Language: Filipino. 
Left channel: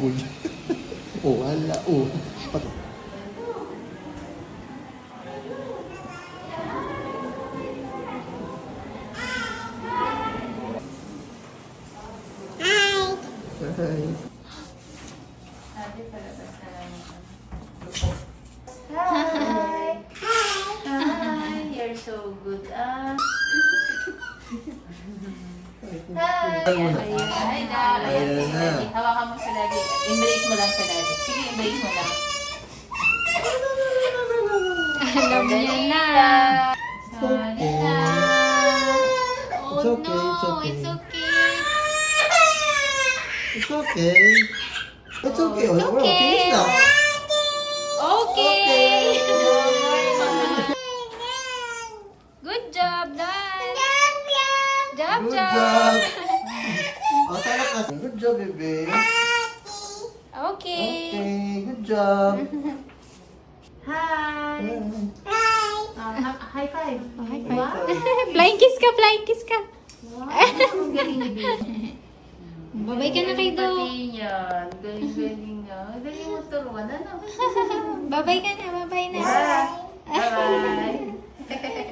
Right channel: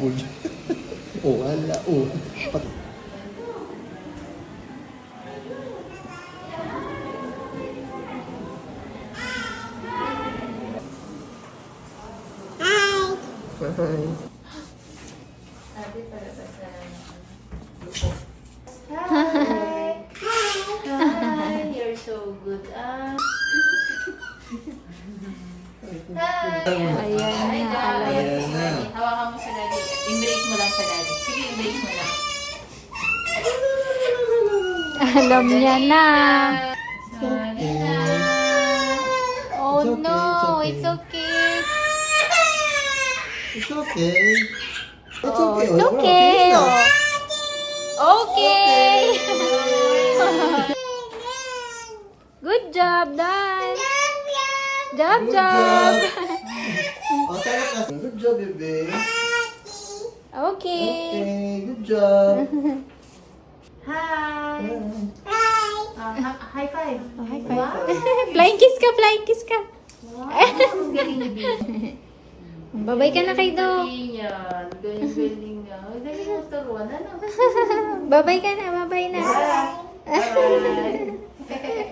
baboy. Oh, wala. Oh. Hi. Hi. Hi. You're so good. Hi. Hi, Dad. Ayan na. Hawakan mo sa daddy. Embrace mo lang sa daddy. Sige, embrace mo lang. Alam niya na. Sorry na. Oh It's okay, no, it's okay. it's okay. It's okay. It's okay. It's Oh, okay. finish now. Okay. Good job, Dad. Job, Good job. job. Oh, sarap na. Good job, bebe. Okay. Okay, good job. Hi. High five. Oh, high Wow. five. Flying kiss ka, flying kiss ka. Wow. Ang galing ni Baby. Babay ka na kay Do. Galing yan. Galing nga. Galing mo turuan. Ano? Babay ka na, babay na. Bye. Bye.